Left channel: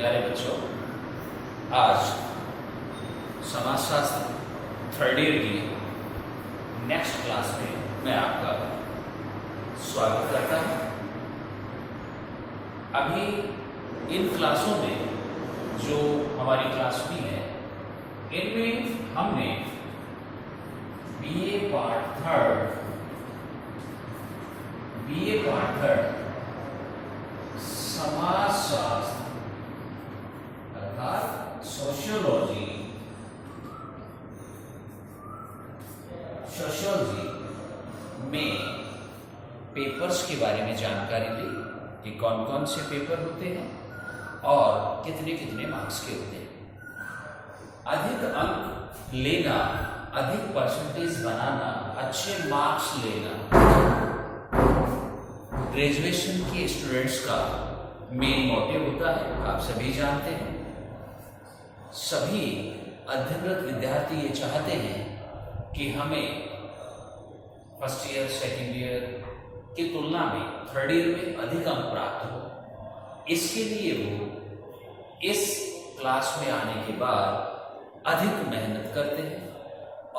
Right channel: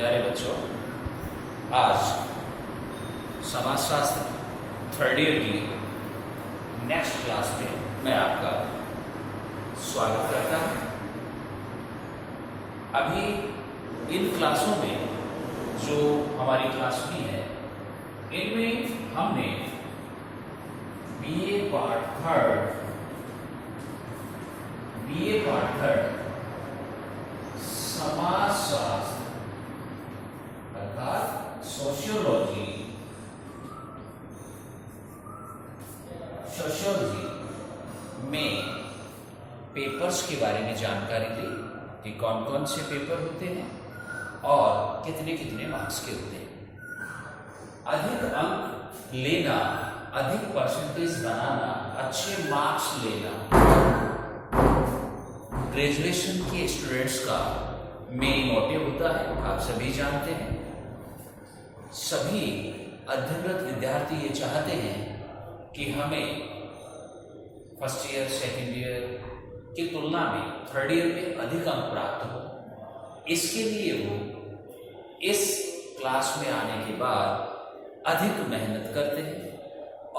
प्यारे बच्चों, आज समाजशास्त्र थर्ड ईयर की नेक्स्ट क्लास में मैं आपका स्वागत करता हूं। अभी इन क्लासों में जो हमारी क्लास हुई है, इनमें हमने बीए पार्ट थर्ड समाजशास्त्र अर्थात सोशियोलॉजी में पेपर्स के बारे में जानकारी ली कि कौन कौन से पेपर होते हैं और कितने कितने मार्क्स के होते हैं। अधिक अंक लेना, अधिक परसेंटेज बनाना, अच्छे मार्क्स लेना ग्रेजुएशन के स्टूडेंट्स का मेन मोटिव होता है, आप सभी जानते हैं। सभी अध्ययनरत विद्यार्थी ये चाहते हैं कि हमें फर्स्ट ईयर सेकेंड ईयर की तुलना में थर्ड ईयर में अधिक अंक प्राप्त हो। इसके लिए वो इस क्लास में आने के बाद अधिक मेहनत करते हैं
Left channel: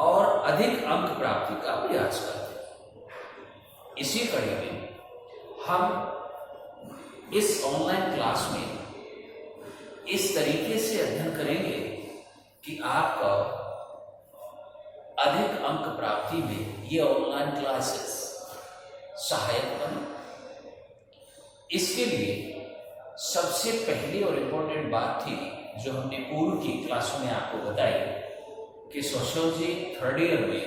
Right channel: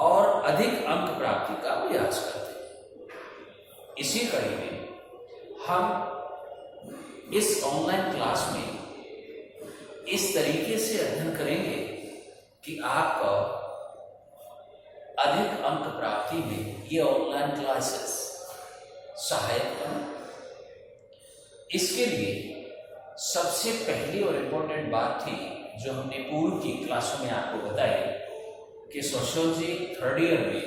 और अधिक अंक प्राप्ति का प्रयास करते हैं। इसी कड़ी में हम इस ऑनलाइन क्लास में इस तरीके से अध्ययन करेंगे कि आपका अधिक अंक प्राप्ति में ये ऑनलाइन क्लासेस सहायक बने। इसके लिए सबसे पहली और इम्पोर्टेंट बात थी जो हमने पूर्व की क्लासों में आपको बताई कि सोशियोलॉजी थर्ड ईयर में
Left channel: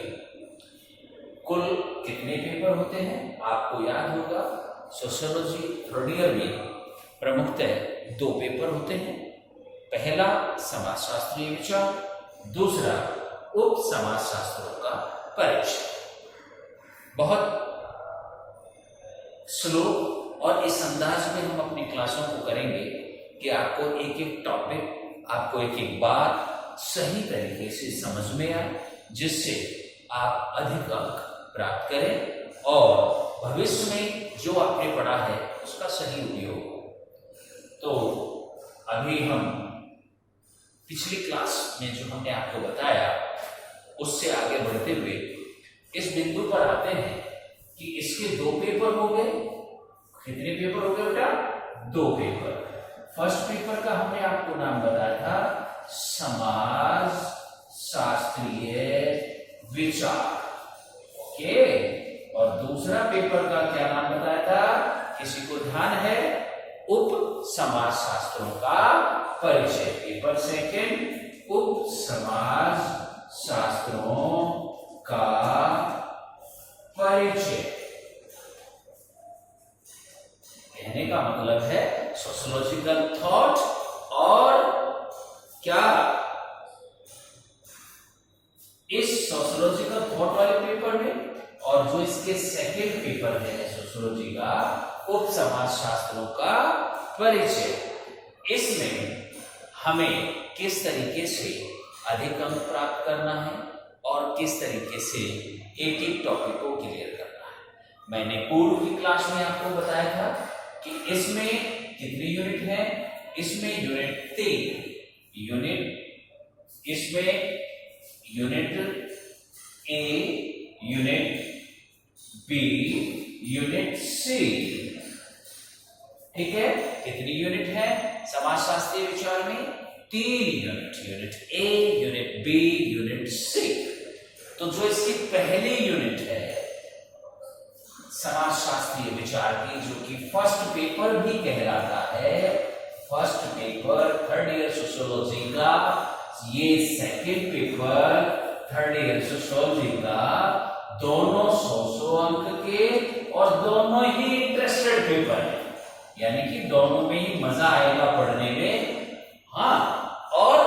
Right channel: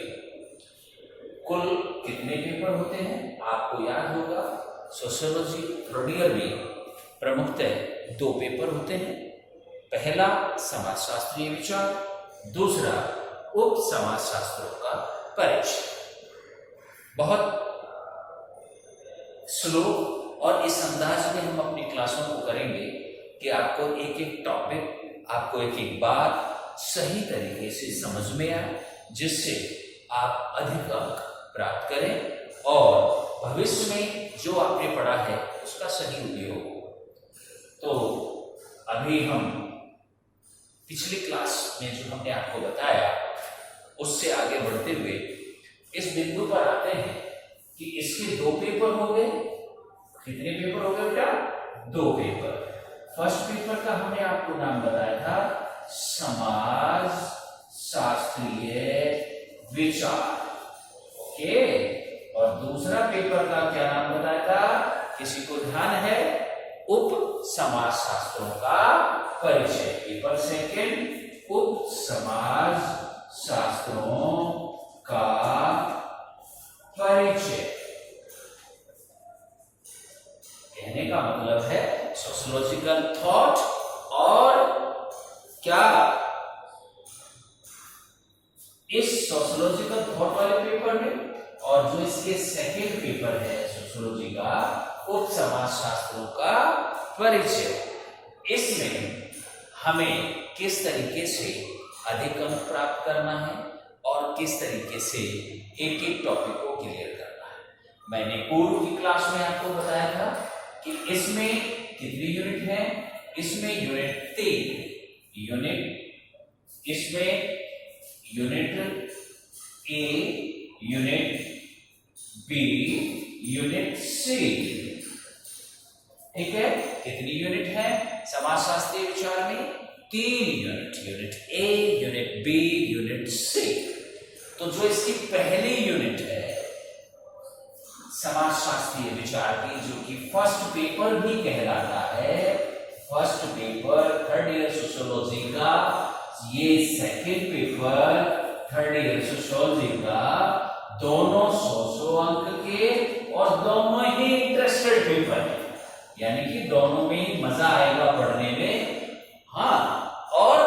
कुल कितने पेपर होते हैं। आपको याद होगा सोशियोलॉजी थर्ड ईयर में प्रमुखतः 2 पेपर होते हैं। पहला समाजशास्त्रीय विचार, दूसरा उप समाजशास्त्रों का परिचय। बहुत स्लो और इस अंदाज में हम अपनी क्लासों को करेंगे कि आपको एक एक टॉपिक, आपको एक एक बात सही तरीके से समझ में आए, जिससे आप अधिक अंक प्राप्त करें और भविष्य में जो आपने पढ़ा है उसका सही उपयोग हो। तो अभी हम पिछली क्लास में जो हमने आपको बताया उससे आगे बढ़ते हुए इस बिंदु पर आते हैं कि इसके 2 पेपर हो गए। कितने पेपर हो गए बेटा? 2 पेपर। फर्स्ट पेपर का हमने आपको नाम बताया था समाज शास्त्रीय विचार, ओके। और दूसरा पेपर का क्या नाम बताया था? किसी को ध्यान है? उप समाज शास्त्रों का परिचय। पेपर सेकंड उप समाज शास्त्रों का परिचय। कहने का मतलब है सोशियोलॉजिकल थॉट और क्या इस सोशियोलॉजिकल थॉट वाले पेपर में और जो इसके सेकंड पेपर है सोशियोलॉजी का उप समाज शास्त्रों का परिचय, इसमें हमें किस तरीके से अधिक अंक प्राप्त करना है और किस तरीके से एक एक टॉपिक को क्लियर करना है। मैंने पूर्व की क्लास में आपको बताया था कि इसमें कितने यूनिट हैं। इसमें यूनिट 3 यूनिट, इसमें unit A, unit B, unit C, ठीक है। कितनी यूनिट है समाजशास्त्रीय विचार में? 3 unit. Unit A, unit B, unit C. तो जो इसकी पहली यूनिट है समाजशास्त्रीय विचार की, जो कि फर्स्ट पेपर भी कहलाता है, first paper third year sociology का, ये second paper third year sociology का, दोनों 100 अंक के और दोनों ही इंटरेस्टेड पेपर है, यानी कि दोनों में ही मजा आएगा पढ़ने में। हाँ, और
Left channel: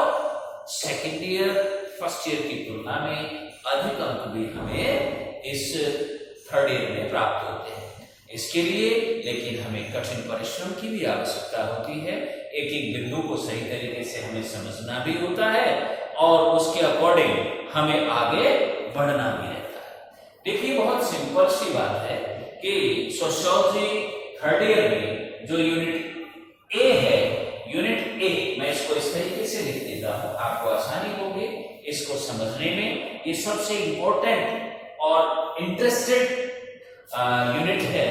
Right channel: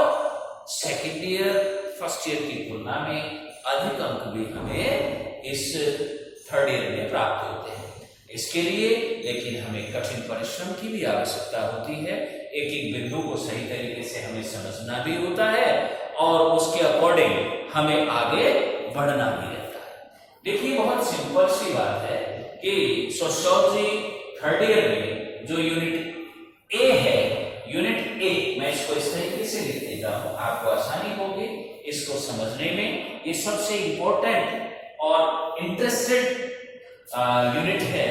सेकंड ईयर फर्स्ट ईयर की तुलना में अधिक अंक भी हमें इस थर्ड ईयर में प्राप्त होते हैं। इसके लिए लेकिन हमें कठिन परिश्रम की भी आवश्यकता होती है। एक एक बिंदु को सही तरीके से हमें समझना भी होता है और उसके अकॉर्डिंग हमें आगे बढ़ना भी रहता है। देखिए, बहुत सिंपल सी बात है कि सोशियोलॉजी थर्ड ईयर में जो यूनिट ए है, यूनिट ए इसको इस तरीके से लिख देता हूं, आपको आसानी होगी इसको समझने में। ये सबसे इंपॉर्टेंट और इंटरेस्टेड यूनिट है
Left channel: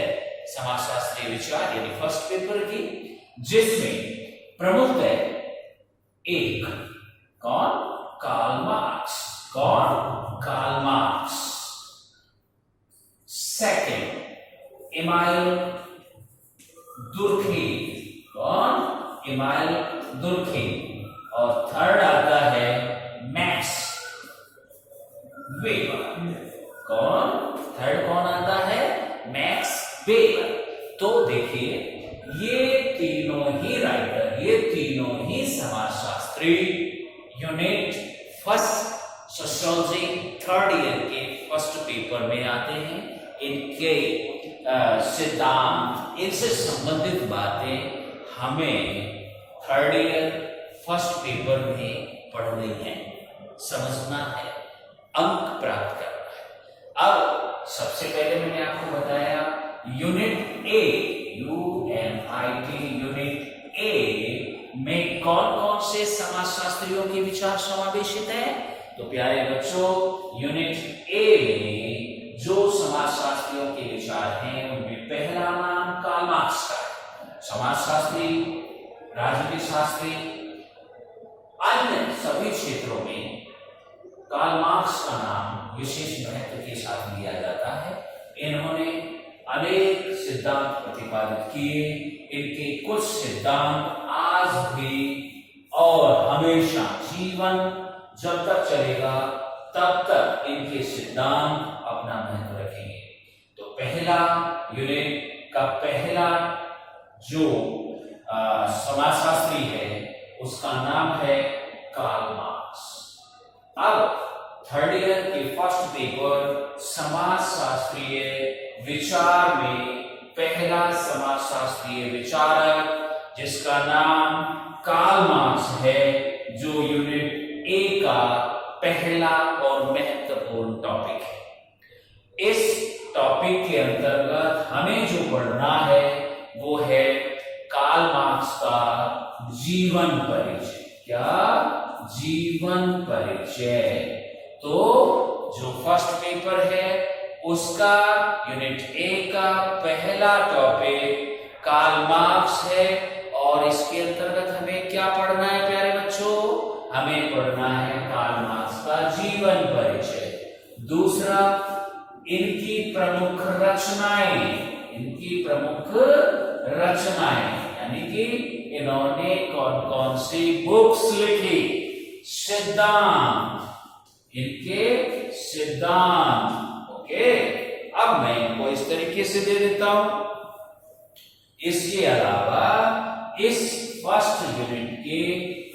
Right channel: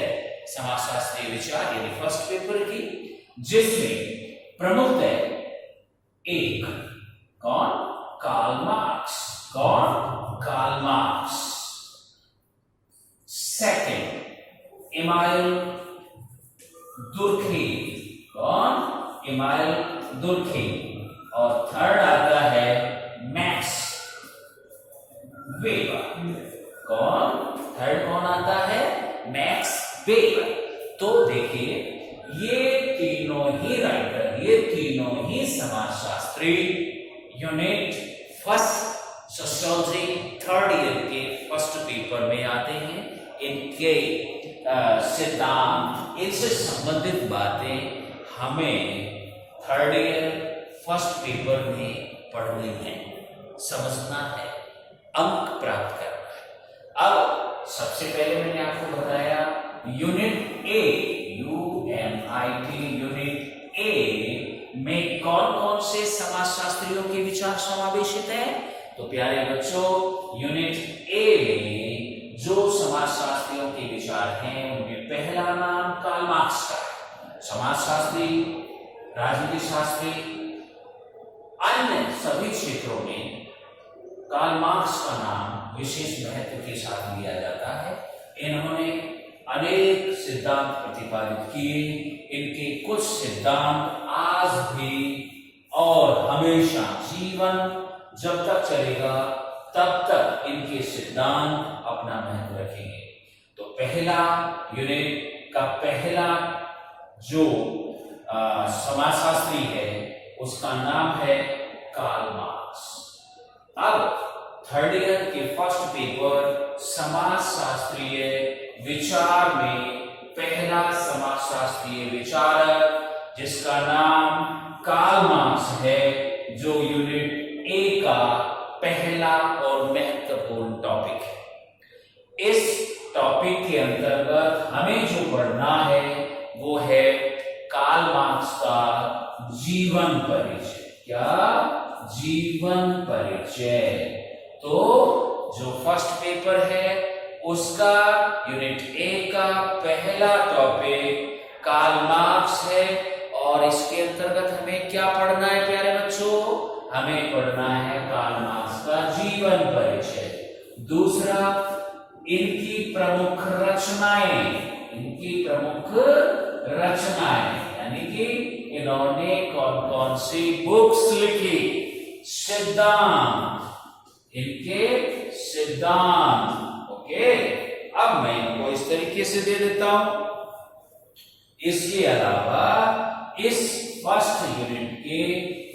समाजशास्त्रीय विचार यानी फर्स्ट पेपर की, जिसमें प्रमुख है एक कौन? Karl Marx. कौन? Karl Marx. Second Emile Durkheim. कौन? Emile Durkheim. और थर्ड आता है मैक्स वेबर। कौन? थर्ड कौन आता है? Max Weber. तो देखिए ये तीनों ही राइटर, ये तीनों ही समाजशास्त्री unit first sociology third year के फर्स्ट पेपर में आते हैं। इनके सिद्धांत, इनसे संबंधित बातें हमें थर्ड ईयर फर्स्ट पेपर में पढ़नी है, समझना है, अंक प्राप्त करना है। अब सबसे पहले मैंने आपको बताया unit A, UNIT unit A में कौन कौन से समाजशास्त्रियों के विचार समावेशित है। तो प्यारे बच्चों, यूनिट ए में जो समाजशास्त्रियों के विचार हैं उनमें पहला नाम कार्ल मार्क्स का है। समाजशास्त्री, राजनीति शास्त्री, अन्य सभी क्षेत्रों में कार्ल मार्क्स का नाम विशेष महत्व के साथ लिया जाता है। इन्होंने अनेक सिद्धांत प्रतिपादित किए। इनके कुछ सिद्धांत आज भी और हमेशा जीवन जब तक चलेगा तब तक इनके सिद्धांत अपना महत्व रखेंगे। तो पहला यूनिट का पहला जो समाजशास्त्री है उसका नाम है कार्ल मार्क्स। अब थर्ड ईयर के फर्स्ट पेपर समाजशास्त्रीय विचार में पहला समाजशास्त्रीय विचारक जिसका नाम कार्ल मार्क्स है, जो यूनिट ए का पहला और महत्वपूर्ण टॉपिक है। इस टॉपिक के अंतर्गत हमें जो पढ़ना है वो है कार्ल मार्क्स का जीवन परिचय। क्या? जीवन परिचय। तो जो फर्स्ट पेपर है उसका यूनिट ए का पहला टॉपिक कार्ल मार्क्स है, और इसके अंतर्गत हमें क्या पढ़ना है प्यारे बच्चों? हमें पढ़ना है कार्ल मार्क्स का जीवन परिचय। दूसरा, इनकी प्रमुख रचनाएं, इनकी प्रमुख रचनाएं यानी कि इन्होंने कौन कौन सी बुक्स लिखी, सिद्धांत, इनके सिद्धांत। ओके, अब मैं इनको इस तरीके से दे देता हूं। इसके अलावा इस फर्स्ट यूनिट के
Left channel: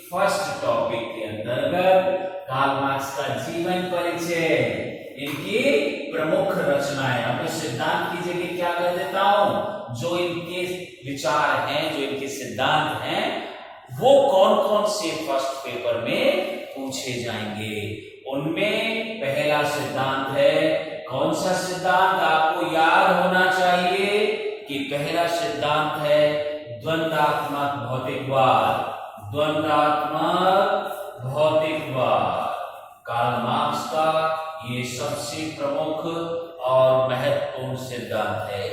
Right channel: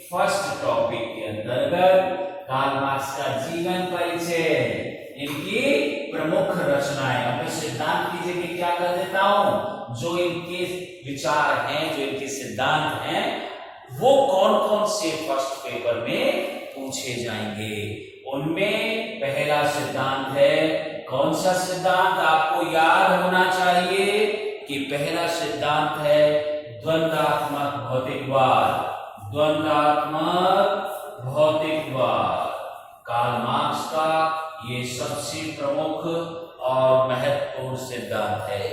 फर्स्ट टॉपिक के अंतर्गत कार्ल मार्क्स का जीवन परिचय, इनकी प्रमुख रचनाएं, मतलब सिद्धांत की जगह क्या कर देता हूं, जो इनके विचार हैं, जो इनके सिद्धांत हैं, वो कौन कौन से फर्स्ट पेपर में पूछे जाएंगे। उनमें पहला सिद्धांत है, कौन सा सिद्धांत आपको याद होना चाहिए कि पहला सिद्धांत है द्वंद्वात्मक भौतिकवाद। द्वंद्वात्मक भौतिकवाद कार्ल मार्क्स का ये सबसे प्रमुख और महत्वपूर्ण सिद्धांत है।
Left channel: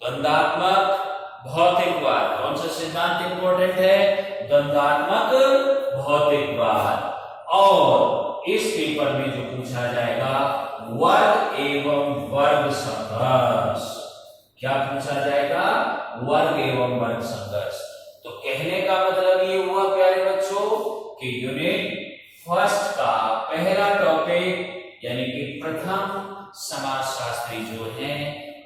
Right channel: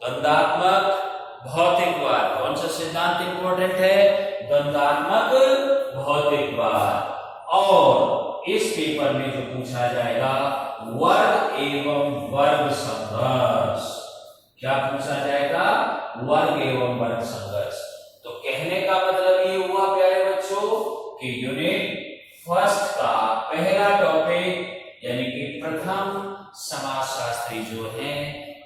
द्वंद्वात्मक भौतिकवाद, कौन सा सिद्धांत इंपॉर्टेंट है? द्वंद्वात्मक भौतिकवाद। और इस पेपर में जो पूछा जाएगा वर्ग एवं वर्ग संघर्ष। क्या पूछा जाएगा? वर्ग एवं वर्ग संघर्ष। तो कहने का मतलब ये हुआ प्यारे बच्चों कि यूनिट फर्स्ट का पहला टॉपिक यानी कि प्रथम समाजशास्त्री जो हैं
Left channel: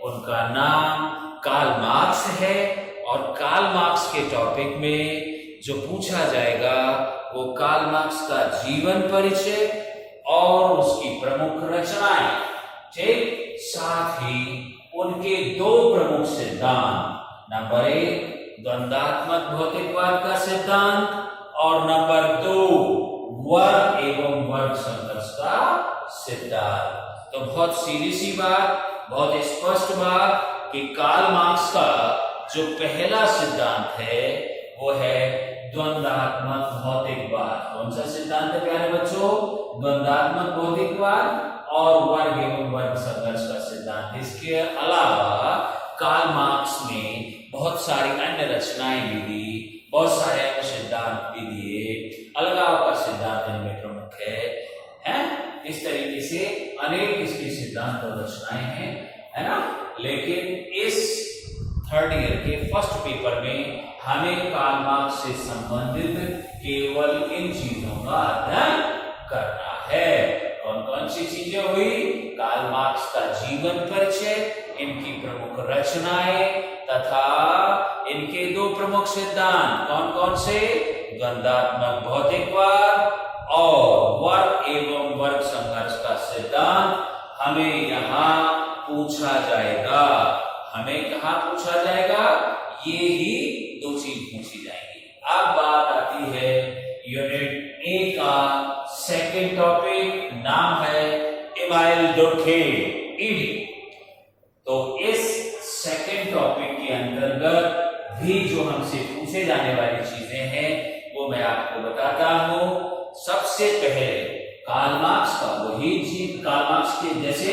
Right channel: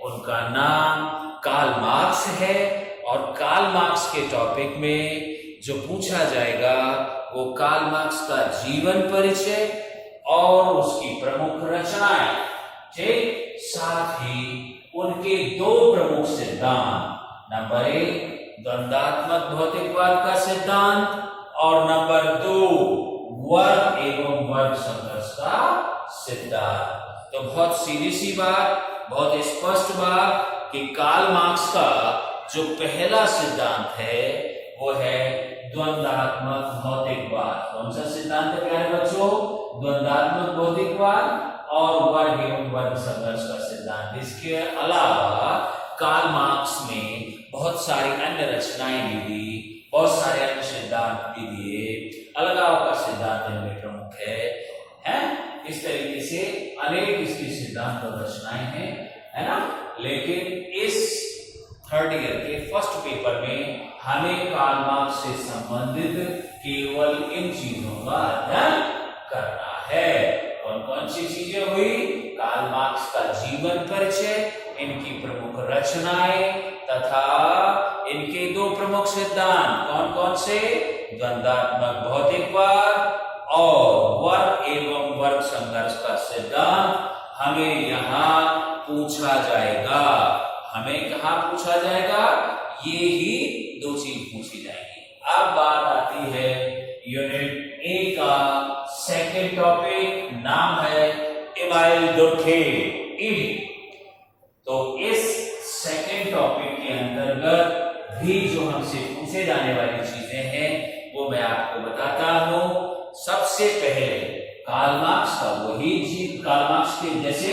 उनका नाम कार्ल मार्क्स है, और कार्ल मार्क्स के टॉपिक में जो पूछा जाएगा वो कार्ल मार्क्स का जीवन परिचय और उसकी प्रमुख रचनाएं, ठीक, साथ ही उनके दो प्रमुख सिद्धांत, नंबर 1 द्वंद्वात्मक भौतिकवाद का सिद्धांत और नंबर 2 वर्ग एवं वर्ग संघर्ष का सिद्धांत। तो बहुत सीधी सी बात, बहुत स्पष्ट बात कि कार्ल मार्क्स का जो पहला सिद्धांत है वो है द्वंद्वात्मक कौन सा सिद्धांत है प्यारे बच्चों? द्वंद्वात्मक भौतिकवाद और वर्ग एवं वर्ग संघर्ष का सिद्धांत। इसके अलावा कार्ल मार्क्स ने बहुत सारी अन्य रचनाएं भी दी, बहुत सारे अन्य सिद्धांत भी दिए। अलगाव का सिद्धांत इनमें प्रमुख है? इस तरीके से अनेक इसके सिद्धांत और रचनाएं हैं, है ना। लेकिन इस थर्ड ईयर के फर्स्ट पेपर में हमें कार्ल मार्क्स से संबंधित केवल इन चीजों का अध्ययन करना है। कौन कौन सी चीजें हुई? कार्ल मार्क्स का जीवन परिचय, इनकी प्रमुख रचनाएं तथा इनके दो प्रमुख सिद्धांत। कौन कौन से? द्वंद्वात्मक भौतिकवाद और वर्ग एवं वर्ग संघर्ष का सिद्धांत हमें यहाँ पूछा जाएगा। हमें कहाँ पूछा जाएगा? ये ही दो चीज पूछी जाएगी। अब बात आती है यूनिट ए का सेकेंड टॉपिक, नाम है इमाइल डुर्खेम, ईडी। तो इस सेकेंड टॉपिक के अंतर्गत भी जो हमसे पूछे जाने वाली चीजें हैं वो मैं आपको बताता हूं। सबसे पहले कार्ल मार्क्स के जैसे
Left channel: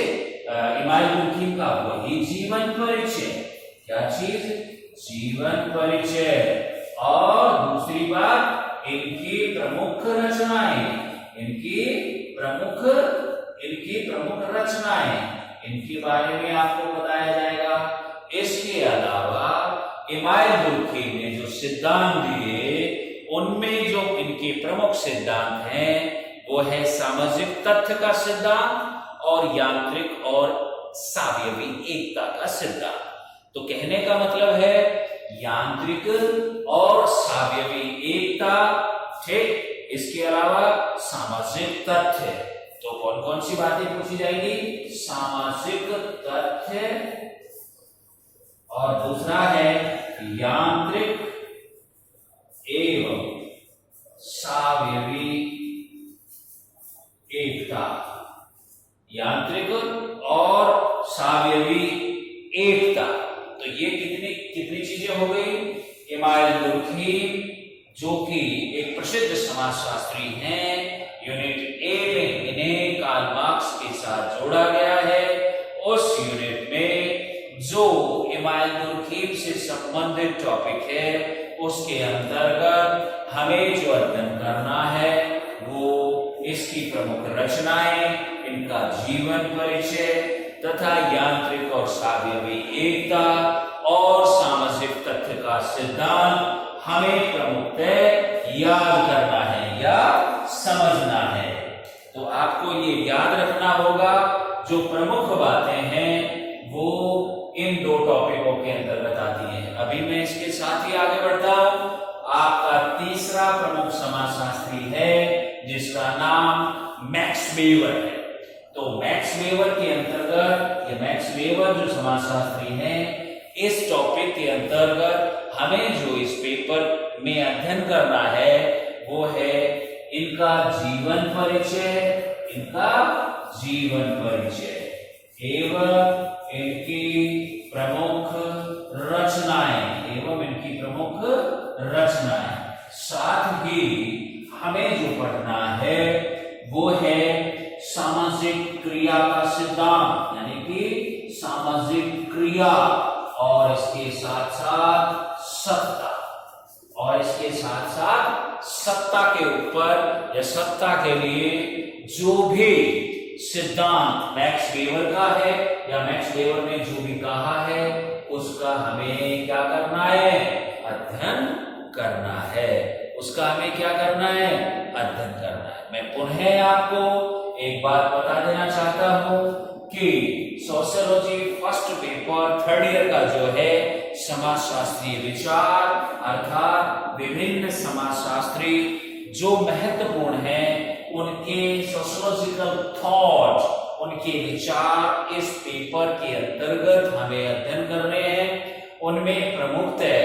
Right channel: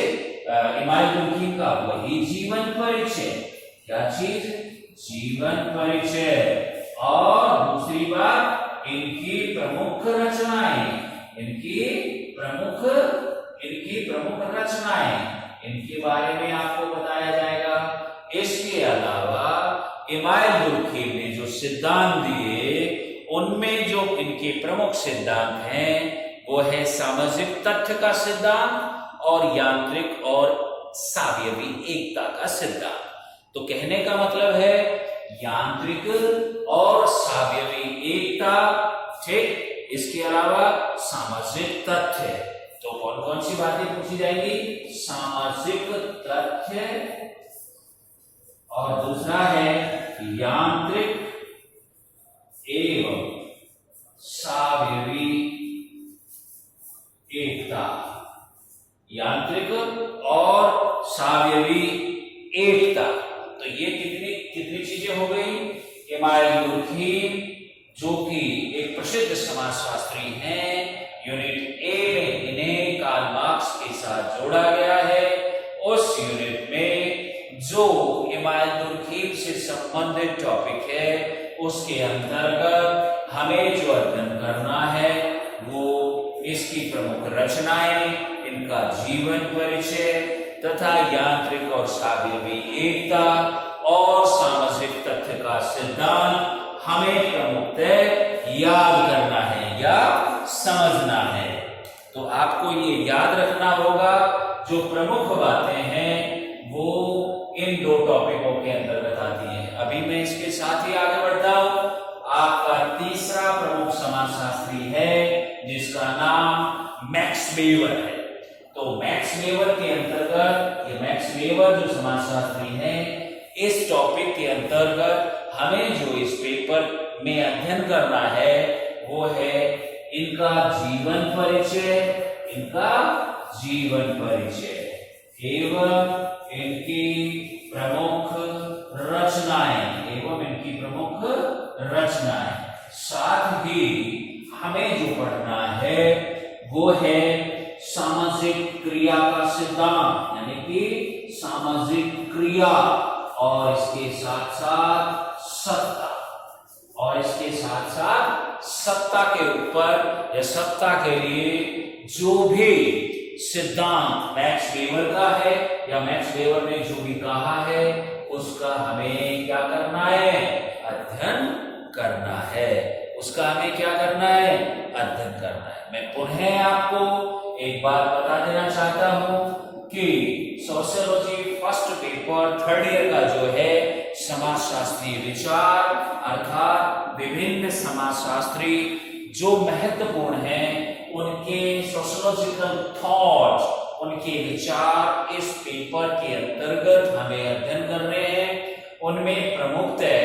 इमाइल डुर्खेम का वही जीवन परिचय। क्या चीज? जीवन परिचय। और दूसरी बात, इनकी प्रमुख रचनाएं, इनके बारे में आपको बताया जाएगा। इसके अलावा इमाइल डुर्खेम ने जो सिद्धांत दिए उनमें जो इनके प्रमुख सिद्धांत हैं वो है सामाजिक तथ्य का सिद्धांत और यांत्रिक और सावयवी एकता का सिद्धांत। तो कहने का मतलब है यांत्रिक और सावयवी एकता, ठीक। इसके अलावा सामाजिक तथ्य। तो कौन कौन सी बातें पूछी जाएगी? सामाजिक तथ्य और दूसरा है यांत्रिक एवं सावयवी एकता। यांत्रिक और सावयवी एकता। तो ये कितनी चीजें हो गई? इमाइल डुर्खेम जो कि एक प्रसिद्ध समाजशास्त्री हैं, यूनिट ए में इन्हें कार्ल मार्क्स के साथ जोड़ा गया है। उस यूनिट में जो इमाइल डुर्खेम से संबंधित टॉपिक है उसके अंतर्गत हमें जो अध्ययन करना है वो इसकी प्रमुख रचनाएं, इनका जीवन परिचय तथा यांत्रिक और सावयवी एकता और सामाजिक तथ्य का सिद्धांत हमें प्रमुखतः याद करना है या समझना है। तो आपको ये याद रखना होगा जो प्रमुख बातें हैं वो इन दो टॉपिकों के अंतर्गत आती हैं। अभी मैं इसके साथ ही आगे बढ़ता हूं। आपका तीसरा प्रमुख समाजशास्त्री है जिसका नाम मैक्स वेबर है। तो मैक्स वेबर के अंतर्गत ये मैक्स वेबर जो समाजशास्त्री हैं, इस टॉपिक के अंतर्गत हमें जो इस पेपर में अध्ययन करना है वो है इनका जीवन परिचय, एवं इनकी प्रमुख रचनाएं। साथ ही हमें जो पढ़ना है वो है सामाजिक क्रिया का सिद्धांत, यानी कि सामाजिक क्रिया और इसके साथ साथ सत्ता के ऊपर या सत्ता के लिए जो भी सिद्धांत मैक्स वेबर का है या मैक्स वेबर ने जो भी कहा है उसका हमें क्या करना है? अध्ययन करना है। अध्ययन करना है। मैं पुनः आपको एक बात बता देना चाहता हूं कि sociology first paper third year का जो है समाजशास्त्रीय विचार अर्थात विभिन्न समाजशास्त्री जो महत्वपूर्ण हैं उनके सोशियोलॉजिकल थॉट, उनके विचार इस पेपर के अंतर्गत हमें अध्ययन करने हैं। उनमें प्रमुखतः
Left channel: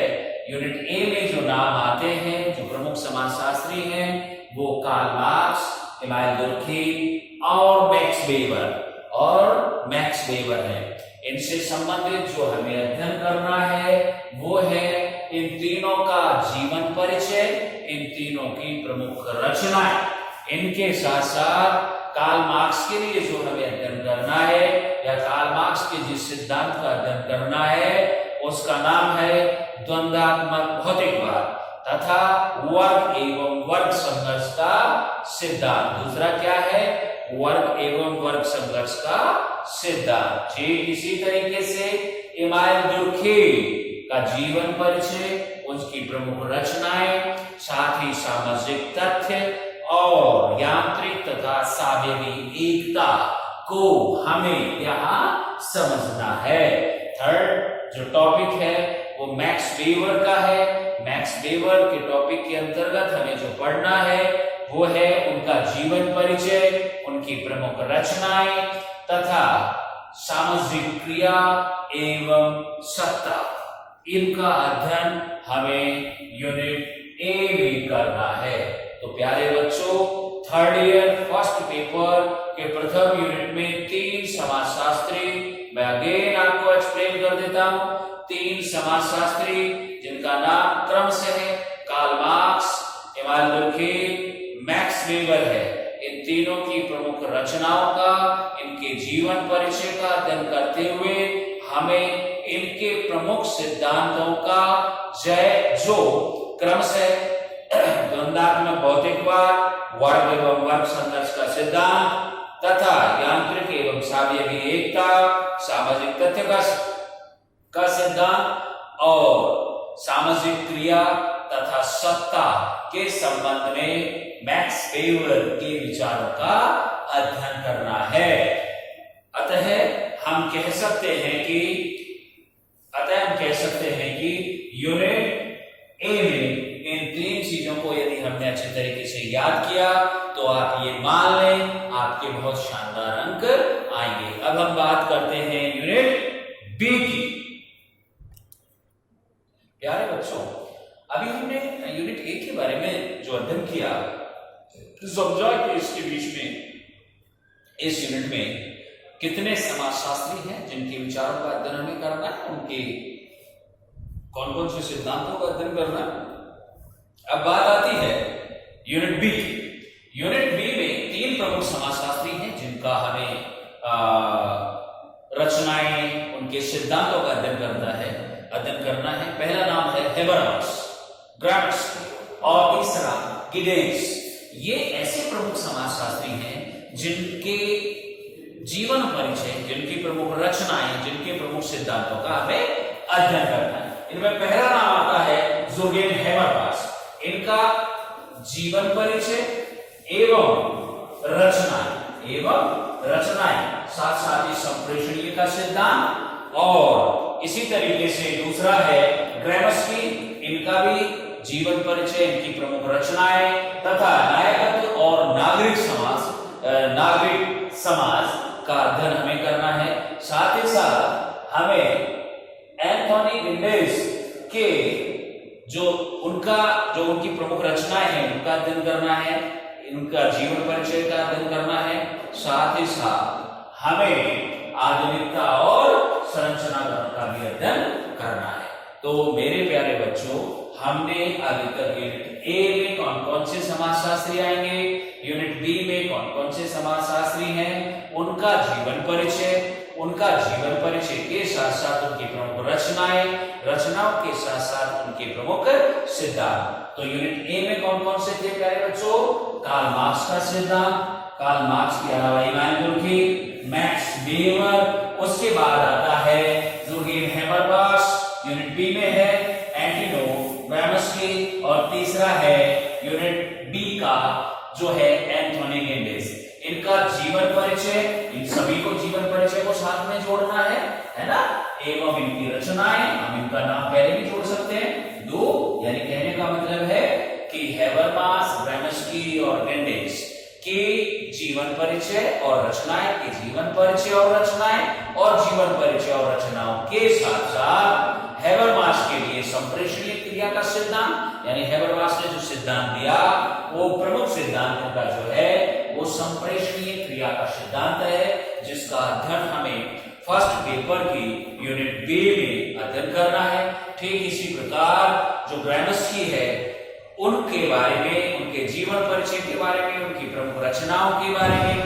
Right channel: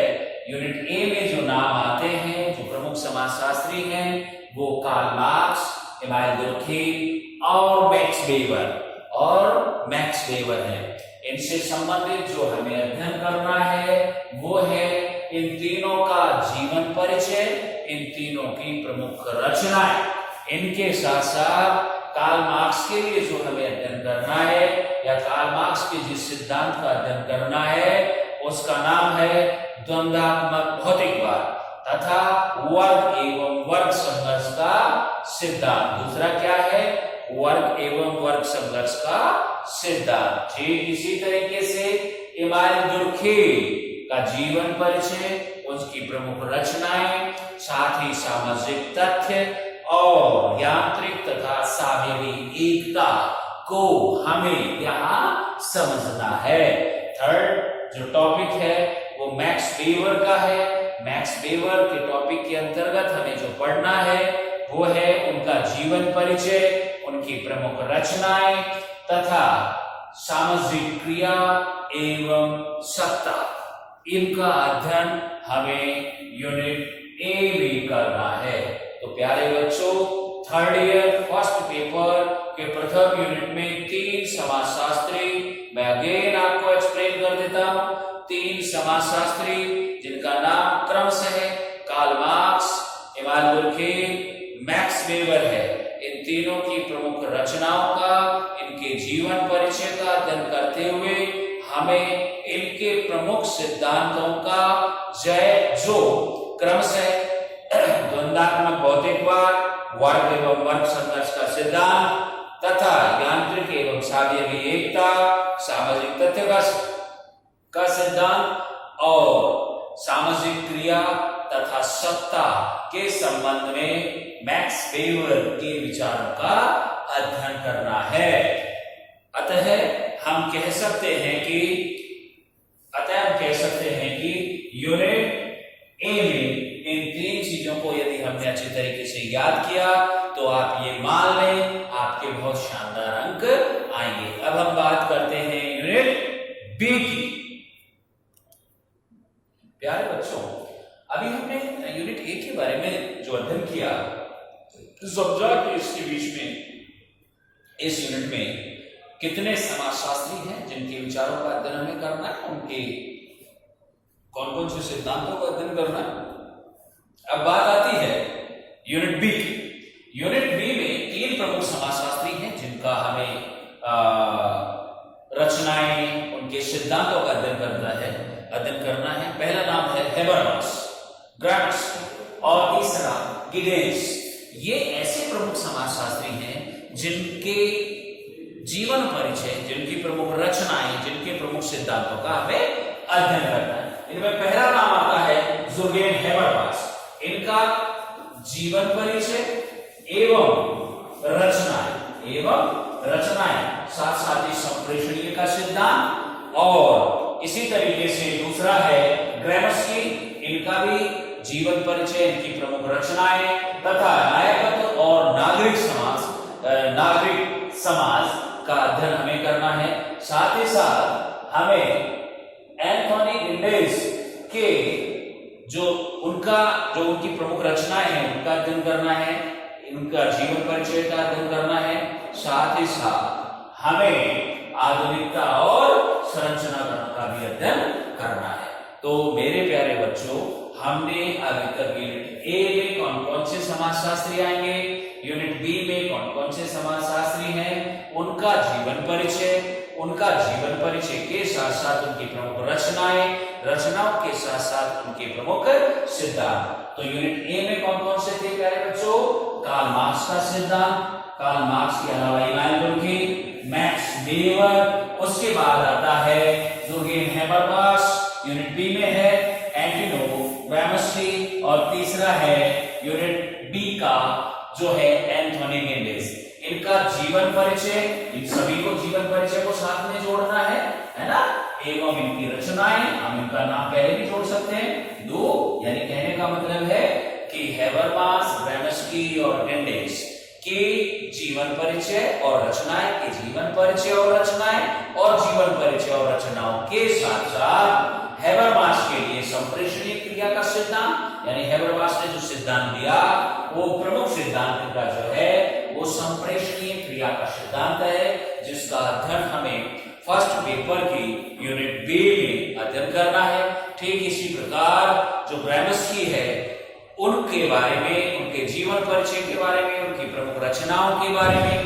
यूनिट ए में जो नाम आते हैं, जो प्रमुख समाजशास्त्री हैं, वो कार्ल मार्क्स, इमाइल डुर्खेम और मैक्स वेबर है। इनसे संबंधित जो हमें अध्ययन करना है वो है इन तीनों का जीवन परिचय, इन तीनों की प्रमुख रचनाएं, इनके साथ साथ कार्ल मार्क्स के लिए जो हमें अध्ययन करना है या कार्ल मार्क्स के जिस सिद्धांत का अध्ययन करना है उसका नाम है द्वंद्वात्मक भौतिकवाद तथा वर्ग एवं वर्ग संघर्ष का सिद्धांत। दूसरा क्या है? वर्ग एवं वर्ग संघर्ष का सिद्धांत। ठीक इसी तरीके से इमानुएल दुर्खेम का जीवन परिचय, उसकी प्रमुख रचनाएं, साथ ही सामाजिक तथ्य और यांत्रिक तथा सावयवी एकता को हमें यहाँ समझना है। थर्ड जो टॉपिक है वो मैक्स वेबर का है। मैक्स वेबर के टॉपिक के अंतर्गत हमें जो पढ़ना है वो है उनका जीवन परिचय, उनकी प्रमुख रचनाएं तथा सामाजिक क्रिया एवं सत्ता। इनका अध्ययन हमें यूनिट ए में करना है। तो प्यारे बच्चों, थर्ड ईयर फर्स्ट पेपर के प्रथम यूनिट में 3 समाजशास्त्री मैं अगेन आपको एक्सप्लेन कर देता हूं। 3 समाजशास्त्री जिनका नाम क्रमशः है Karl Marx, Emmanuel Durkheim, Max Weber है। इन तीनों की प्रमुख रचनाओं का, इनके जीवन परिचय का अध्ययन करते हुए हमें इनके प्रमुख सिद्धांतों का जो क्रमशः द्वंद्वात्मक भौतिकवाद, वर्ग एवं वर्ग संघर्ष का सिद्धांत तथा यांत्रिक एवं सावयवी एकता, सामाजिक तथ्य का सिद्धांत और सामाजिक क्रिया तथा सत्ता के संबंध में मैक्स वेबर के विचारों का अध्ययन करना है। अतः हम कह सकते हैं कि यूनिट ए में इन 3 चीजों को यदि हमने अच्छे तरीके से याद किया तो आप ये मान लें आपके बहुत शानदार अंक आएंगे। अब हम बात करते हैं यूनिट बी की। प्यारे बच्चों, अभी हमने यूनिट ए के बारे में जो अध्ययन किया, समझा कि इसके बीच में इस यूनिट में कितने समाजशास्त्री हैं जिनके विचारों का अध्ययन हमें करना है, उनके कौन कौन से सिद्धांतों का अध्ययन करना है। अब बात आती है यूनिट बी की। यूनिट बी में 3 प्रमुख समाजशास्त्री हैं जिनका हमें रचनाएं, उनके सिद्धांतों का अध्ययन करना है। पहला नाम है हेबरमास, ग्राम्स्की और तीसरा गिडेंस। ये ऐसे प्रमुख समाजशास्त्री हैं जिनके जीवन परिचय, जिनकी प्रमुख रचनाएं, जिनके प्रमुख सिद्धांतों का हमें अध्ययन करना है। इनमें पहला नाम आता है जोर्गेन हेबरमास। इनका जीवन परिचय एवं रचनाएं साथ साथ ही संप्रेषणीय का सिद्धांत और इसी तरीके से दूसरा है ग्राम्स्की। इनका भी जीवन परिचय, इनकी प्रमुख रचनाएं तथा नायकत्व और नागरिक समाज का अध्ययन हमें करना है। साथ ही साथ हमें एंथोनी गिडेंस के जो उनकी प्रमुख रचनाएं हैं उनका अध्ययन करना है, इनका जीवन परिचय का अध्ययन करना है। साथ ही साथ हमें आधुनिकता और संरचना का भी अध्ययन करना है। तो मेरे प्यारे बच्चों, हमने अभी तक यूनिट ए में कौन कौन से समाजशास्त्री आएंगे, यूनिट बी में कौन कौन से समाजशास्त्री हैं, उनका जीवन परिचय के साथ साथ उनकी प्रमुख रचनाओं के साथ साथ उनके प्रमुख सिद्धांत। तो यूनिट ए में कौन कौन से थे प्यारे बच्चों? कार्ल मार्क्स का सिद्धांत, कार्ल मार्क्स के अलावा इमानुएल दुर्खेम, मैक्स वेबर, उसके बाद आता है जोर्गेन हेबरमास, यूनिट बी में है एंटोनी ग्राम्स्की और तीसरा है यूनिट बी का जो है एंथोनी गिडेंस। इनका जीवन परिचय, इन सभी को जीवन परिचय को साथ में जोड़ना है ना, एवं इनकी रचनाएं, हम इनका नाम पहले भी जोड़ सकते हैं 2, यानी कहने का मतलब है कि हेबरमास, ग्राम्स्की और गिडेंस की जीवन परिचय और रचनाएं, के जीवन परिचय और रचनाएं और जीवन परिचय और रचनाओं के साथ साथ हेबरमास के लिए संप्रेषणीय क्रिया का सिद्धांत, यानी हेबरमास ने जो सिद्धांत दिया वो प्रमुख सिद्धांत का जो है वो संप्रेषणीय क्रिया का सिद्धांत है, जिसका अध्ययन हमें फर्स्ट पेपर की यूनिट बी में अध्ययन करना है। ठीक इसी प्रकार जो ग्रामस्की है उनके बारे में, उनके जीवन परिचय के बारे में, उनकी प्रमुख रचनाओं के बारे में,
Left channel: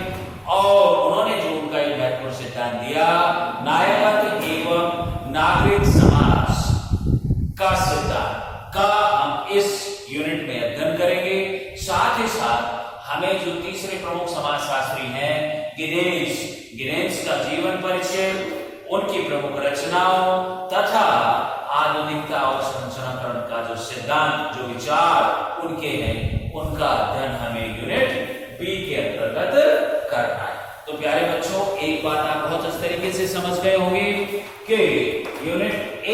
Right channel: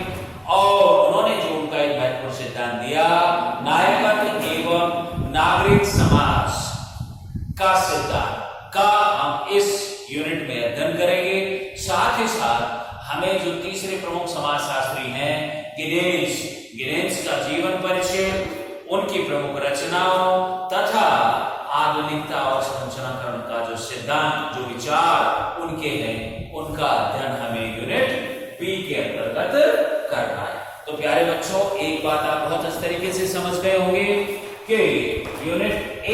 और उन्होंने जो उनका एक महत्वपूर्ण सिद्धांत दिया नायकत्व एवं नागरिक समाज का सिद्धांत का हम इस यूनिट में अध्ययन करेंगे। साथ ही साथ हमें जो तीसरे प्रमुख समाजशास्त्री हैं गिनेस का जीवन परिचय, उनकी प्रमुख रचनाओं तथा आधुनिकता और संरचनाकरण का जो सिद्धांत, जो विचार उनके हैं, उनका अध्ययन हमें यूनिट बी के अंतर्गत करना है। तो प्यारे बच्चों, एक बात आप बहुत अच्छे तरीके से समझ गए होंगे कि unit A,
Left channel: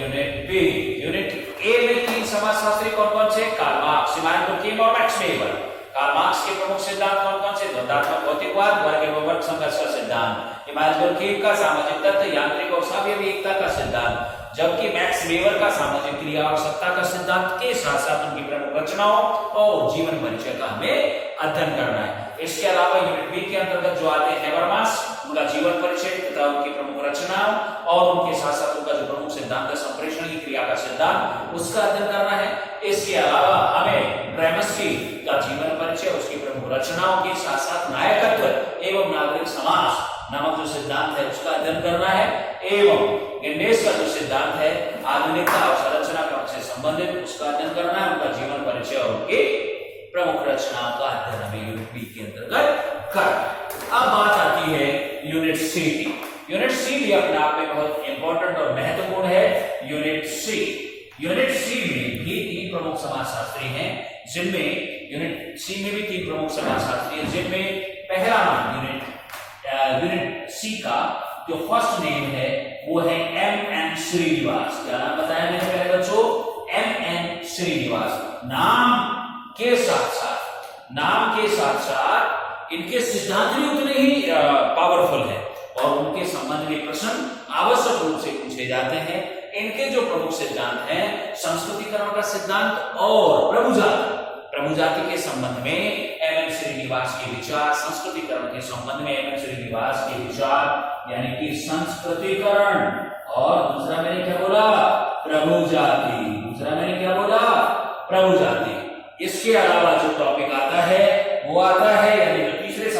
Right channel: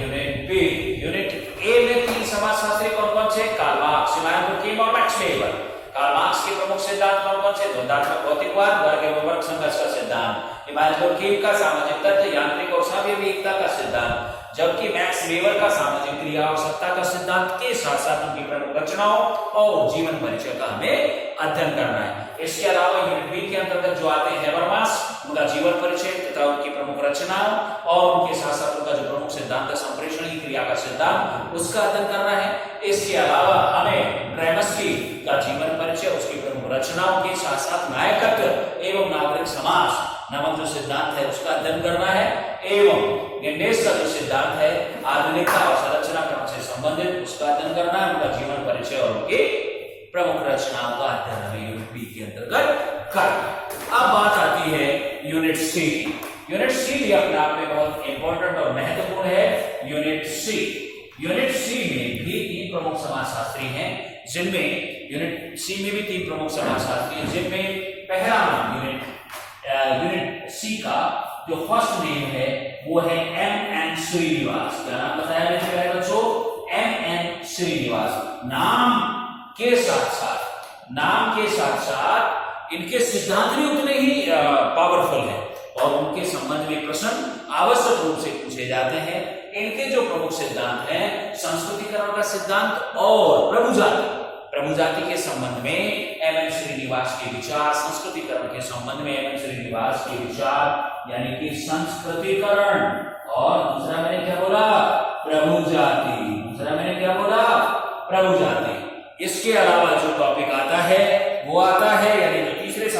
unit B, unit A में तीन समाजशास्त्री कौन कौन से? कार्ल मार्क्स, इमानुएल डुर्कheim और मैक्स वेबर। कार्ल मार्क्स के प्रमुख सिद्धांत कौन कौन से? द्वंद्वात्मक भौतिकवाद, वर्ग एवं वर्ग संघर्ष का सिद्धांत, इमानुएल डुर्कheim का सामाजिक तथ्य, यांत्रिक और सापेक्ष एकता का सिद्धांत, जबकि मैक्स वेबर का सामाजिक क्रिया और सत्ता का सिद्धांत के साथ साथ उनकी प्रमुख रचनाओं और जीवन परिचय का हमें अध्ययन करना है। इसके अलावा यूनिट बी के अंतर्गत जो आते हैं हेबरमास, उनका जीवन परिचय तथा उनकी प्रमुख रचनाओं और उनके साथ साथ उनका जो प्रमुख सिद्धांत है संप्रेषण की क्रिया का सिद्धांत, उसका अध्ययन करना है। इसके अलावा हमें ग्रामस्की का जीवन परिचय, उसकी प्रमुख रचनाओं के साथ साथ नायकत्व एवं नागरिक समाज नामक जो सिद्धांत है उसका अध्ययन करना है, एवं गिनेस का जो सिद्धांत है आधुनिकता और संरचना क्रम से संबंधित, उसका अध्ययन करना है। उनका जीवन परिचय और उनकी प्रमुख रचनाओं का अध्ययन हमें यूनिट बी के अंतर्गत करना है। अब बात आती है यूनिट सी। यूनिट सी भी अपने आप में बहुत इंपॉर्टेंट और महत्वपूर्ण है। यूनिट सी में भी तीन प्रमुख समाजशास्त्री हैं, जिनमें यूनिट सी में भी तीन प्रमुख समाजशास्त्री हैं, जिनमें पहला नाम यूनिट सी का जो फर्स्ट नेम है वो है M.N. श्रीनिवास। क्या नाम बताया मैंने पहले बच्चों? M.N. श्रीनिवास। नाम के साथ साथ इनके सिद्धांत भी उतने ही पावरफुल है और उनके संबंध में प्रश्न आवश्यक रूप से पूछे जाते हैं। इनके जो प्रमुख सिद्धांत हैं संस्कृतिकरण का सिद्धांत और प्रभु जाति के संबंध में M.N. श्रीनिवास के विचार, संस्कृतिकरण के संबंध में M.N. श्रीनिवास के विचार यानी कि संस्कृतिकरण, और दूसरा मैंने क्या बोला? प्रभु जाति। इसके अलावा जो टॉपिक आता है वो आता है, यानी जो दूसरे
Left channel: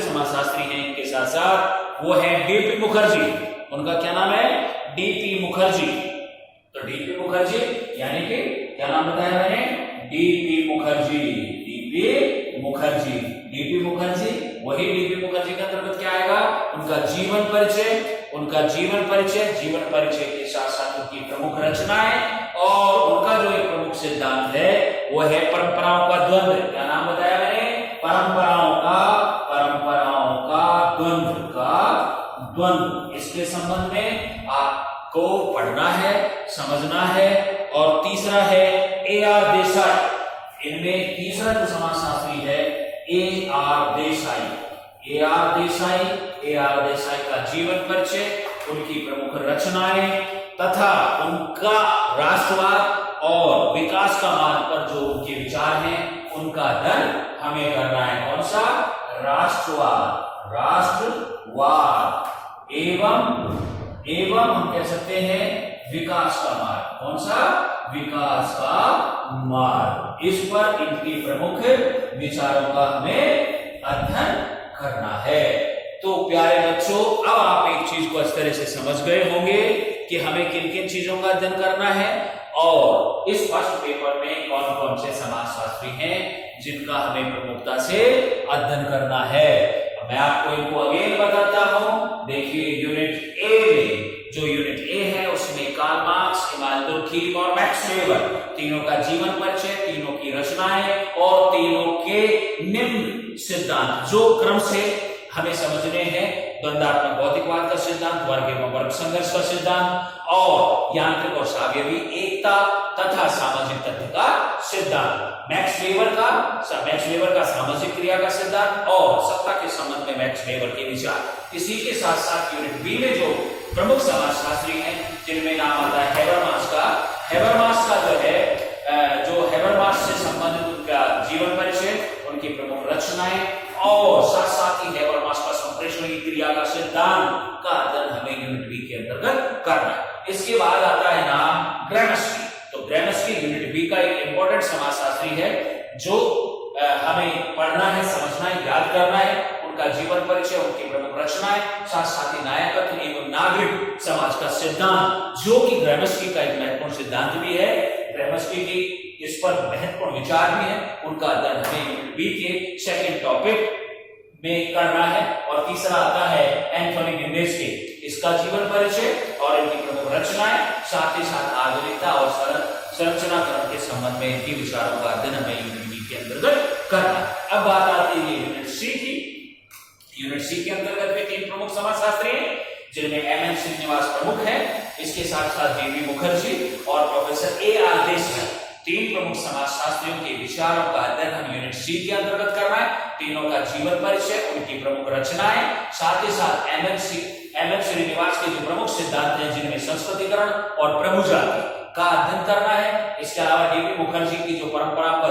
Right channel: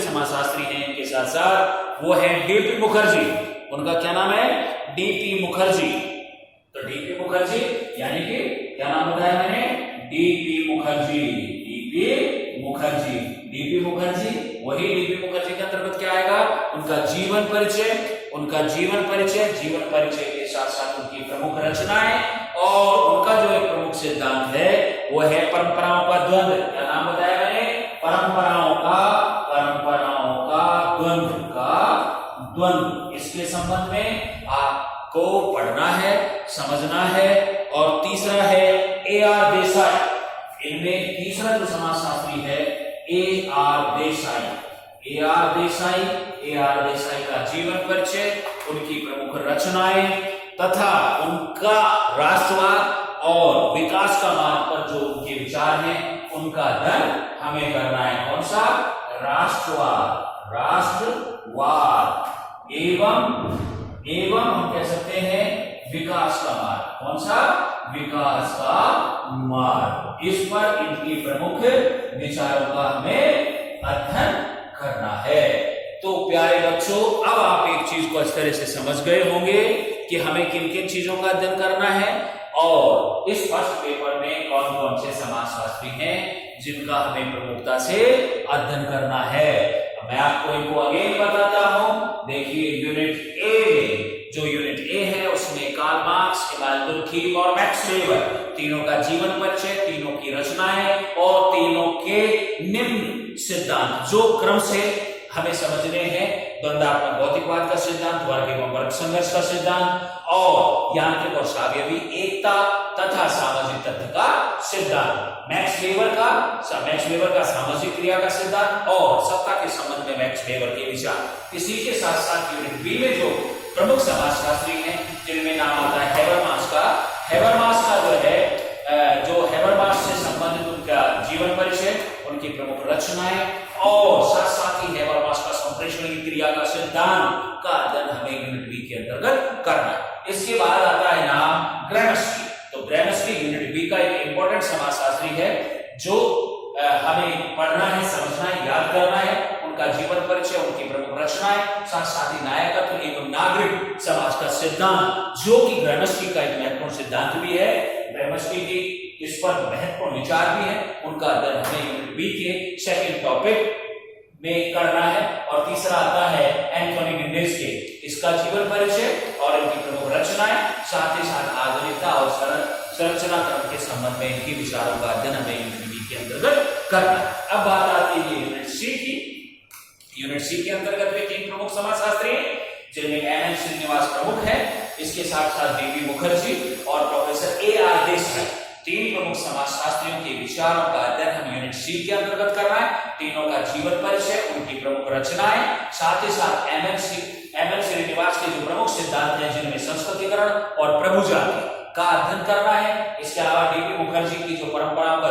समाजशास्त्री हैं इनके साथ साथ, वो है D.P. मुखर्जी। उनका क्या नाम है? D.P. मुखर्जी। तो D.P. मुखर्जी यानी कि क्या नाम बताया मैंने? D.P. मुखर्जी। वही D.P. मुखर्जी के अंतर्गत क्या आएगा? उनका जीवन परिचय के साथ साथ उनकी प्रमुख रचनाएं और उनका जो एक प्रमुख सिद्धांत है वो है परंपराओं का द्वंद्व। क्या नाम बताया मैंने? परंपराओं का द्वंद्व। इसके संबंध में आपको पढ़ना है, समझना है। और तीसरा है A.R. देसाई। इनमें तीसरा जो समाजशास्त्री है A.R. देसाई का जीवन परिचय, उनकी प्रमुख रचनाएं तथा उनका राष्ट्रवाद और विकास का मार्ग पर जो उनके विचार हैं उनका अध्ययन हमें करना है। कौन सा? राष्ट्रवाद एवं हम कह सकते हैं विकास का मार्ग। कौन सा? विकास का मार्ग। इस पर इनकी प्रमुख विचारों का हमें अध्ययन करना है। तो प्यारे बच्चों, अब आप एक चीज को इस तरह से समझ गए होंगे कि हमें किन किन चीजों का अध्ययन करना है और इस फर्स्ट पेपर में कौन कौन से समाजशास्त्री हैं जिनका हमें प्रमुखता से अध्ययन करना है। मैं आपको इनको अगेन बताता हूं। देखिए यूनिट ए में, जो यूनिट ए है उसमें कार्ल मार्क्स, इमानुएल डुर्कheim और मैक्स वेबर, तीनों का जीवन परिचय, तीनों की रचनाएं और तीनों के निम्न सिद्धांत जो क्रम से हमें समझने हैं। द्वंद्वात्मक भौतिकवाद का सिद्धांत, वर्ग एवं वर्ग संघर्ष का सिद्धांत और यांत्रिक और सापेक्ष एकता तथा सामाजिक तथ्य का सिद्धांत। मैक्स वेबर का सामाजिक क्रिया का सिद्धांत और सत्ता के संबंध में मैक्स वेबर के विचार। इसी के साथ साथ यूनिट बी में जो प्रमुख समाजशास्त्री हैं जिनमें नाम आता है हेबरमास का जो है हेबरमास से संबंधित उनका जीवन परिचय, उनकी प्रमुख रचनाएं और साथ साथ ही हेबरमास का संप्रेषण की क्रिया का सिद्धांत का करना। इसके बाद आता है नाम ग्रामस्की। तो ग्रामस्की यूनिट बी का एक इंपॉर्टेंट समाजशास्त्री है जो हमें पढ़ना है, समझना है, याद करना है। उनका जीवन परिचय, उनकी प्रमुख रचनाएं, साथ साथ ही नायकत्व एवं नागरिक समाज का सिद्धांत, जो कि ग्रामस्की का एक महत्वपूर्ण सिद्धांत भी है। ग्रामस्की की इस पर महत्वपूर्ण विचार भी है। उनका अध्ययन हमें यूनिट बी के सेकंड टॉपिक में करना है। और तीसरा आता है एंथोनी गिंडेस्की, इसका जीवन परिचय और इनकी प्रमुख रचनाएं, साथ ही साथ आधुनिकता और संरचनाक्रम के संबंध में इनके विचारों का अध्ययन हमें यूनिट बी के अंतर्गत करना है। अब बात आती है यूनिट सी की। यूनिट सी के अंतर्गत भी तीन प्रमुख समाजशास्त्री हैं, जिनमें एम.एन. श्रीनिवास प्रमुख है। इसके साथ साथ डी.बी. मुखर्जी और प्रोफेसर ए.आर. देसाई, तीन प्रमुख समाजशास्त्रियों के विचारों का अध्ययन हम यूनिट सी के अंतर्गत कर रहे हैं। तीनों का जीवन परिचय, उनकी प्रमुख रचनाएं, साथ ही साथ एम.एन. श्रीनिवास के जो प्रमुख सिद्धांत हैं, जिनमें संस्कृतिकरण और प्रभु जाति का अध्ययन करना है। इसके अलावा डी.बी. मुखर्जी की जो परंपराओं का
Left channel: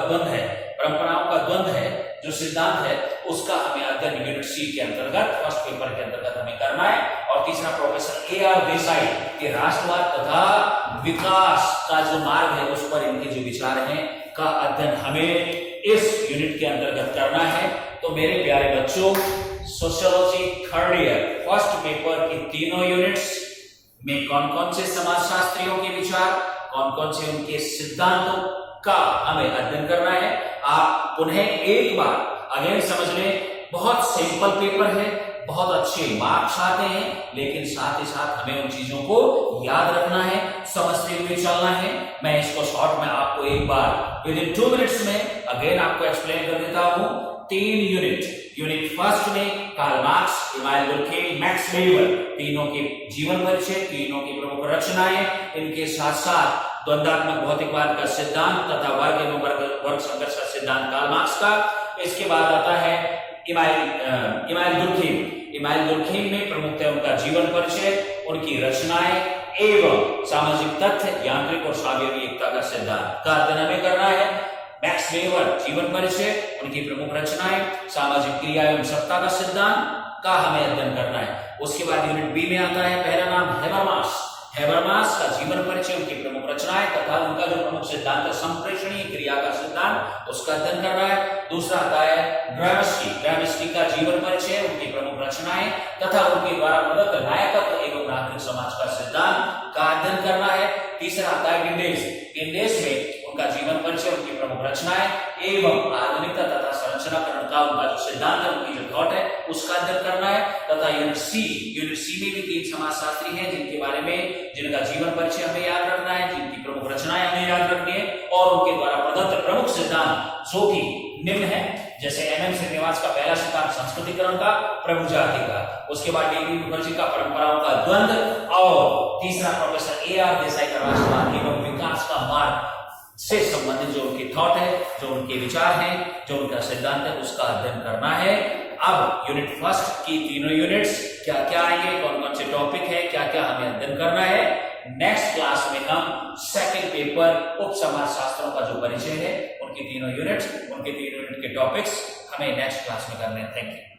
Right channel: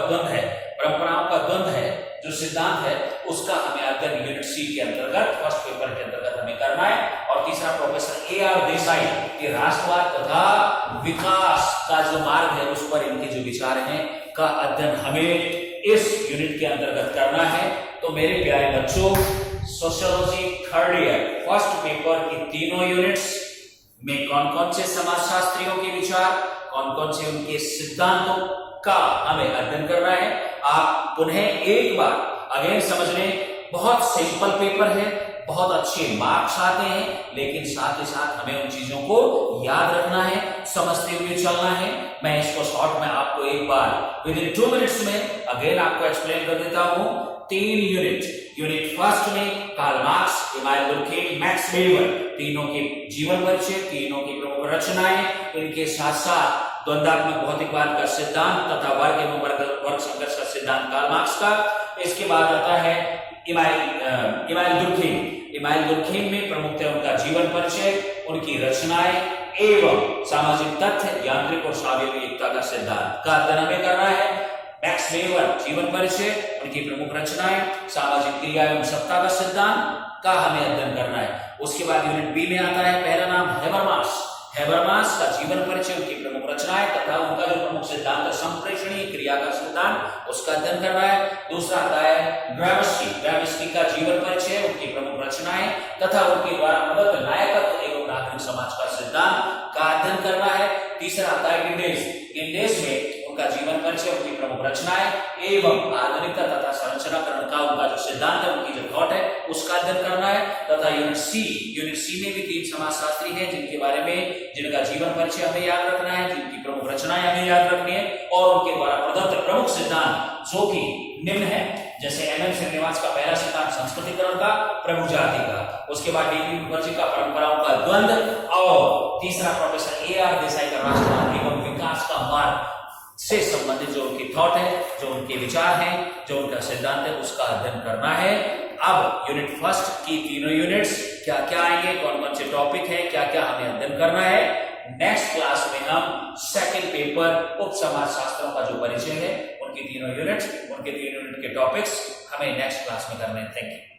द्वंद्व है, जो सिद्धांत है, उसका हमें अध्ययन यूनिट सी के अंतर्गत फर्स्ट पेपर के अंतर्गत हमें करना है। और तीसरा प्रोफेसर ए.आर. देसाई के राष्ट्रवाद तथा विकास का जो मार्ग है, उस पर इनके जो विचार हैं का अध्ययन हमें इस यूनिट के अंतर्गत करना है। तो मेरे प्यारे बच्चों, sociology third year first paper की तीनों यूनिट्स में कौन कौन से समाजशास्त्रियों के विचार, कौन कौन से उनके सिद्धांतों का हमें अध्ययन करना है। आप पुनः एक बार अगेन समझ लें, बहुत सिंपल पेपर है, बहुत अच्छे मार्क्स आते हैं, लेकिन साथ ही साथ हमें उन चीजों को याद रखना है, समझते हुए चलना है। मैं इसको शॉर्ट में आपको एक बार विद इन 2 मिनट्स में अगेन आपको एक्सप्लेन कर देता हूं। 3 यूनिट फर्स्ट में Karl Marx, Emmanuel Durkheim, Max Weber, तीनों के जीवन परिचय, तीनों की प्रमुख रचनाएं, इनके साथ साथ द्वंद्वात्मक भौतिकवाद का सिद्धांत तथा वर्ग एवं वर्ग संघर्ष का सिद्धांत कार्ल मार्क्स का। इसके बाद आता है इमानुएल दुर्खेम में प्रमुखतः उनका जीवन परिचय, उनकी रचनाएं एवं सामाजिक तथ्य, यांत्रिक और सावयवी एकता का सिद्धांत का अध्ययन हमें करना है। मैक्स वेबर जीवन परिचय, उनकी प्रमुख रचनाएं, सामाजिक क्रिया एवं सत्ता का सिद्धांत का हमें अध्ययन करना है। उसके बाद यूनिट बी में आता है पहला नाम हैबरमास का जीवन परिचय, उनकी प्रमुख रचनाएं तथा उनका जो प्रमुख सिद्धांत है संप्रेषणीय क्रिया का सिद्धांत, उसका अध्ययन करना है। दूसरा आता है ग्रामस्की का जीवन परिचय, उनकी प्रमुख रचनाएं तथा उनके द्वारा प्रदत्त नायकत्व एवं नागरिक समाज का सिद्धांत का अध्ययन करना है। तीसरा आता है गिंडेस में उनका जीवन परिचय, उनकी प्रमुख रचनाएं एवं आधुनिकता तथा संरचनाकरण का उनका जो सिद्धांत है, उनकी जो थॉट है, उसका अध्ययन करना है। तथा यूनिट सी में भी 3 समाजशास्त्री हैं, जिनका जीवन परिचय हमें याद रखना है, जिनकी प्रमुख रचनाएं हमें याद रखनी है और उनके द्वारा प्रदत्त प्रमुख सिद्धांत जो कि निम्न है, जैसे एम.एन. श्रीनिवास का पहला सिद्धांत संस्कृतिकरण का, प्रभु जाति का, उसके बाद डी.बी. मुखर्जी का परंपराओं का द्वंद्व और तीसरा प्रोफेसर ए.आर. देसाई का राष्ट्रवाद एवं विकास का मार्ग से संबंधित जो उनकी थॉट है, जो उनके विचार हैं, जो उनका सिद्धांत है, उसका अध्ययन करना है। अब यूनिट फर्स्ट की तीनों यूनिट्स क्या क्या आएंगे, कौन कौन से टॉपिक है, क्या क्या हमें अध्ययन करना है, नेक्स्ट क्लास में हम सेकंड पेपर उप समाजशास्त्रों का जो परिचय है, उनकी तीनों यूनिट के टॉपिक्स हमें नेक्स्ट क्लास में करने हैं। Thank you.